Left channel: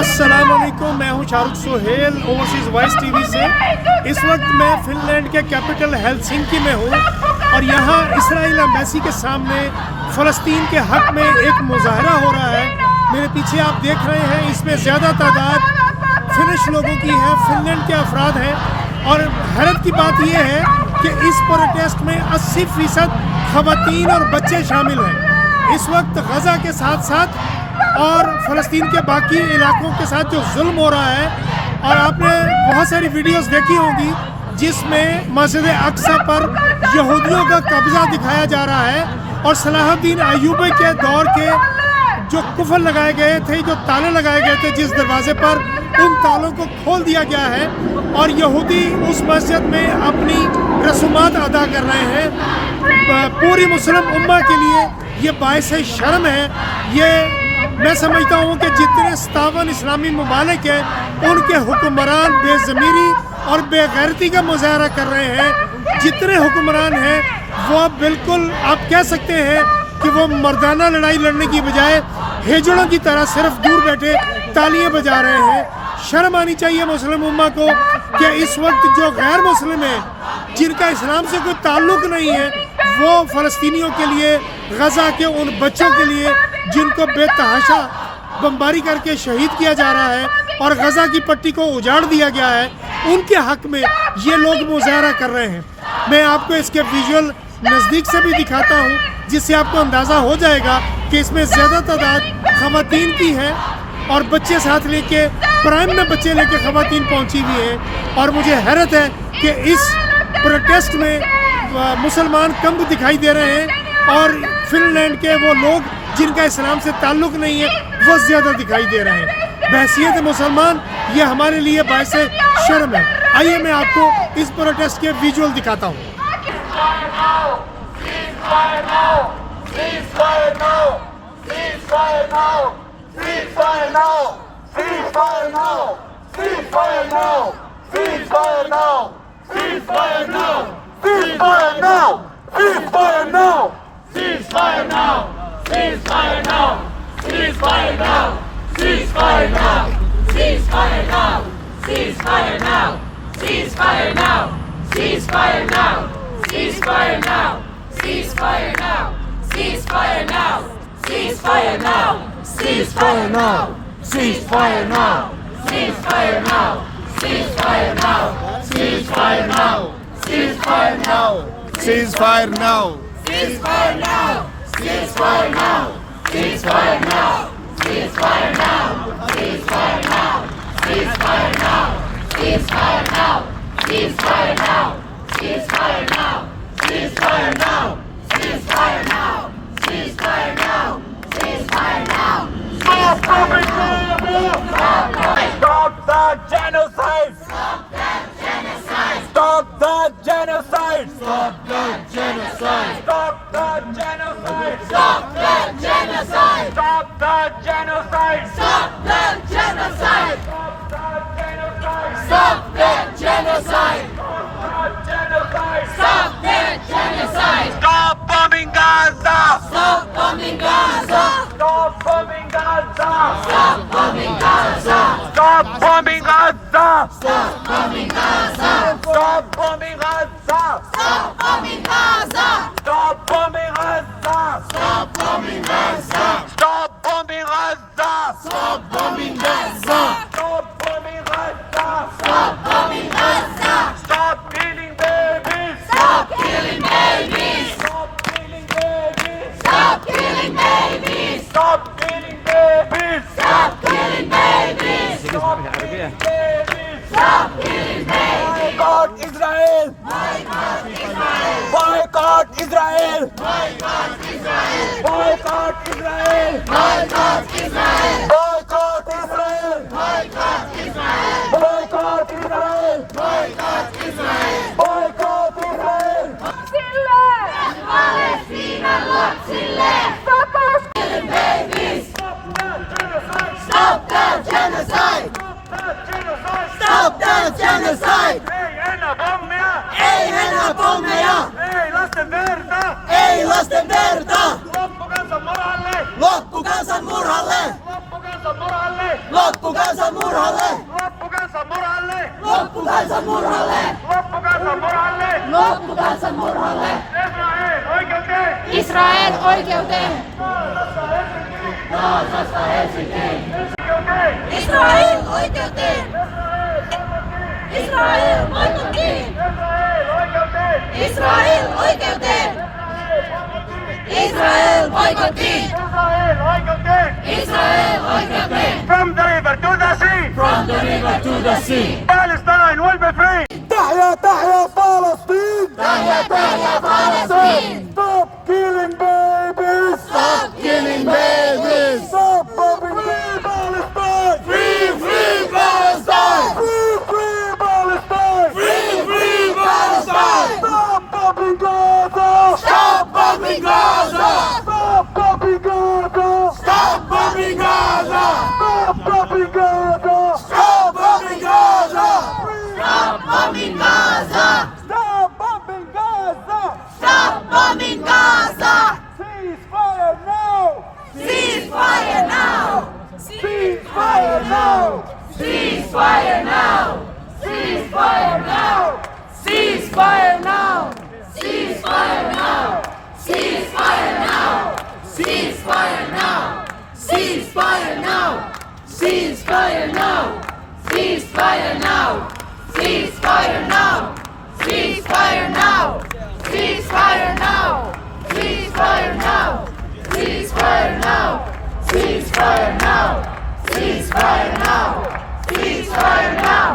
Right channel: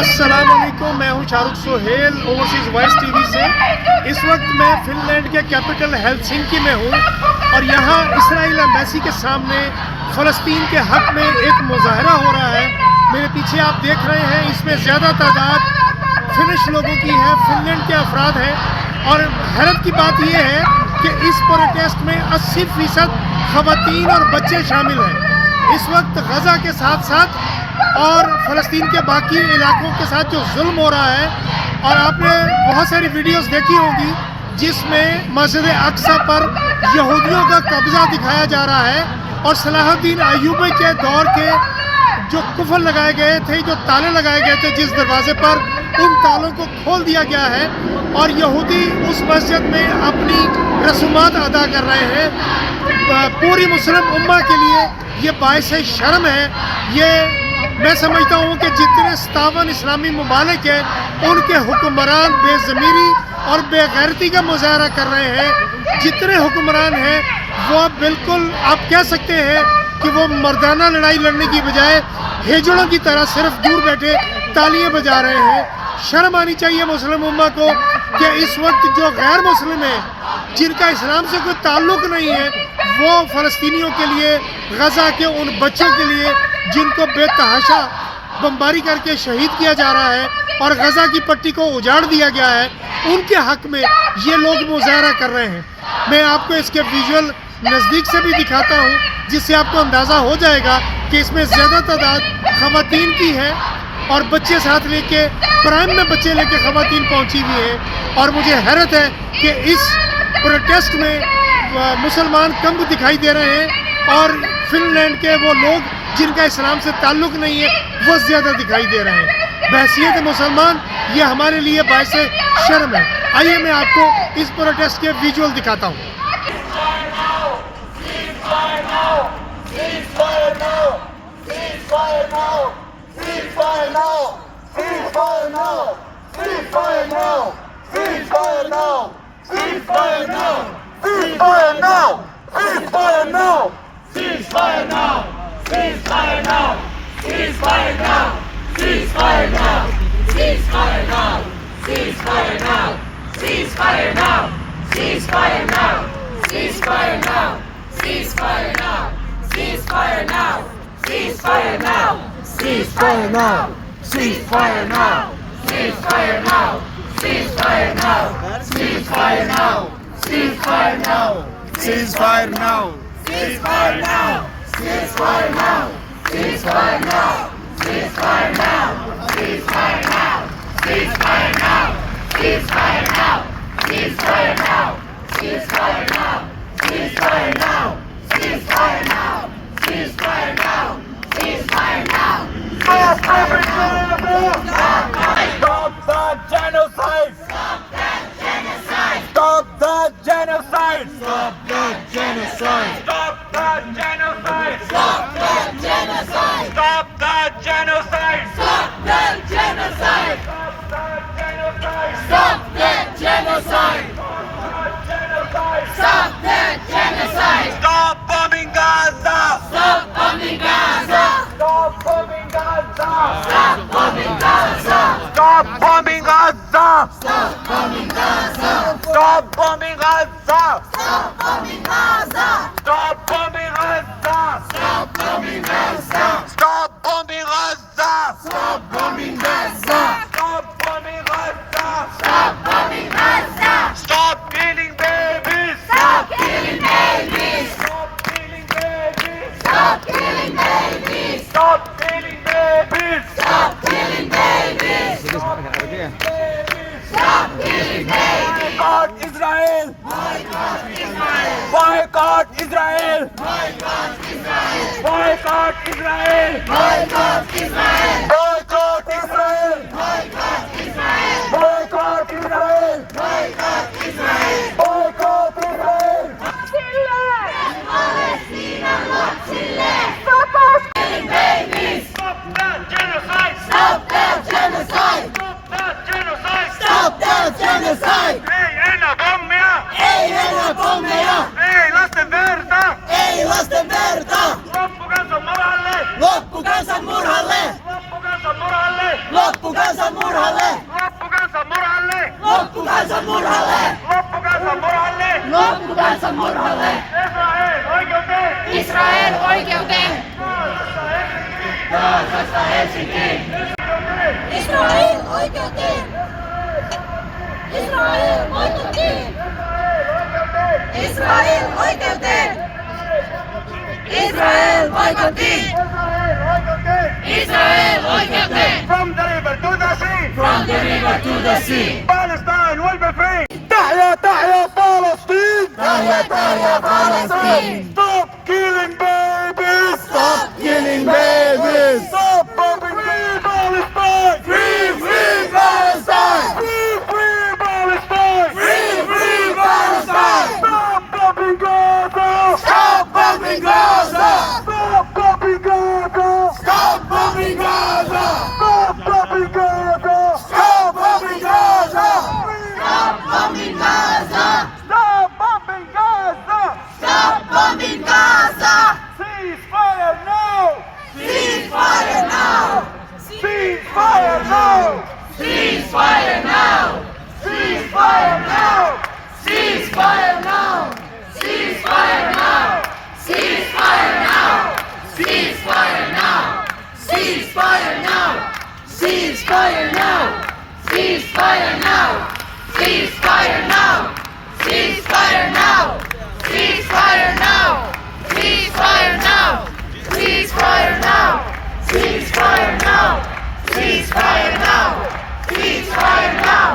السلام علیکم، میں ہوں شاہ رخ سہیل اوورسیز وائس ٹی وی سے۔ اس وقت میں فن لینڈ کے کیپٹل ہیلسنکی میں ہوں اور یہاں اسرائیل ایمبیسی کے سامنے فلسطین کے حق میں ایک مظاہرہ ہو رہا ہے۔ میرے پیچھے آپ دیکھ رہے ہیں، اس میں زیادہ تعداد فنش لوگوں کی ہے، فن لینڈ کے افراد ہیں، اور حیرت کی بات یہ ہے کہ اس پروٹیسٹ میں 80% خواتین اور بچے شامل ہیں۔ اس وقت غزہ کے ساتھ ساتھ اور فلسطین کے باقی علاقوں کے ساتھ جو ظلم ہو رہا ہے، اور آپ نے بہت ساری ویڈیوز دیکھی ہوں گی جس میں مسجد اقصی پر یہودیوں کا قبضہ دکھایا جا رہا ہے، اور صلاح الدین ایوبی کے دور کے جو قفل لگائے گئے تھے، جو تالے لگائے گئے تھے جس دروازے پر، ان تالوں کو کھول دیا گیا ہے اور یہودی اس مسجد میں اپنی رسومات ادا کر رہے ہیں۔ پوری مسلم امہ کے لیے یہ باعث شرم ہے۔ یہ میں سمجھتا ہوں کہ جتنے 57 اسلامی ممالک ہیں، ان کے حکمران بے ضمیری اور بے غیرتی کا مظاہرہ کر رہے ہیں۔ جتنے حکمران ہیں وہ بالکل آپ کہہ سکتے ہیں کہ وہ مردانہ لڑائی لڑنے کی بجائے ہیجڑوں کی طرح صرف دور بیٹھے تالیاں بجا رہے ہیں۔ شرم آنی چاہیے مسلم امہ کو کہ اس وقت جو غیر مسلم ہیں، جن کا اسلام سے کوئی تعلق نہیں ہے، وہ فلسطینیوں کے لیے، غزہ کے ان بچوں کے لیے جن کو بے تحاشا بمباری کر کے شہید کیا جا رہا ہے اور غزہ کی پٹی کو اجاڑ دیا گیا ہے، ان کے حق میں یہ لوگ مظاہرہ کر رہے ہیں۔ میں آپ کو اس کے ویژول نزدیک سے بھی دکھاتا ہوں، جس سے آپ کو اندازہ ہو جائے گا کہ اس میں زیادہ تعداد خواتین کی ہے، اور بچے ساتھ لے کے، پرائم میں بچے لے کے خواتین پہنچی ہوئی ہیں۔ اور مجھے حیرت ہے کہ اس پروٹیسٹ میں مسلمان کم دکھائی دے رہے ہیں، اور فن لینڈ کے وہ لوگ جن کا اسلام سے تعلق نہیں ہے وہ زیادہ دکھائی دے رہے ہیں۔ بحیثیت مسلمان یہ ہمارے لیے باعث شرم ہے۔ آئیے میں آپ کو اس پروٹیسٹ کے ویژول دکھاتا ہوں۔ Loppukansan murhalle! Loppukansa murhalle! Loppukansa murhalle! Loppukansa murhalle! Loppukansa murhalle! Loppukansa murhalle! Israel oikeuteen! Israel oikeuteen! Gazasta Helsinkiin! Israel oikeuteen! Israel oikeuteen! Israel oikeuteen! Israel oikeuteen! Israel oikeuteen! From the river to the sea! From the river to the sea! Palestine will be free! تحيا تحيا فلسطين Tahya, tahya, Palestine! Stop killing babies Stop killing babies! Stop bombing Palestine Free, free Palestine! Free free Palestine Free, free Palestine! Stop bombing Gaza Stop bombing Gaza! Stop bombing Gaza Stop bombing Gaza! Stop bombing Gaza Stop bombing Gaza! Stop bombing Gaza! Stop bombing Gaza Stop bombing Gaza! Ceasefire now Ceasefire now! Ceasefire now Ceasefire now! Ceasefire now! Ceasefire now! Ceasefire now! Ceasefire now! Ceasefire now! Ceasefire now! Ceasefire now! Ceasefire now! Ceasefire now! Ceasefire now! Ceasefire now! Ceasefire now! Ceasefire now! Ceasefire now! Ceasefire now! Ceasefire now! Ceasefire now!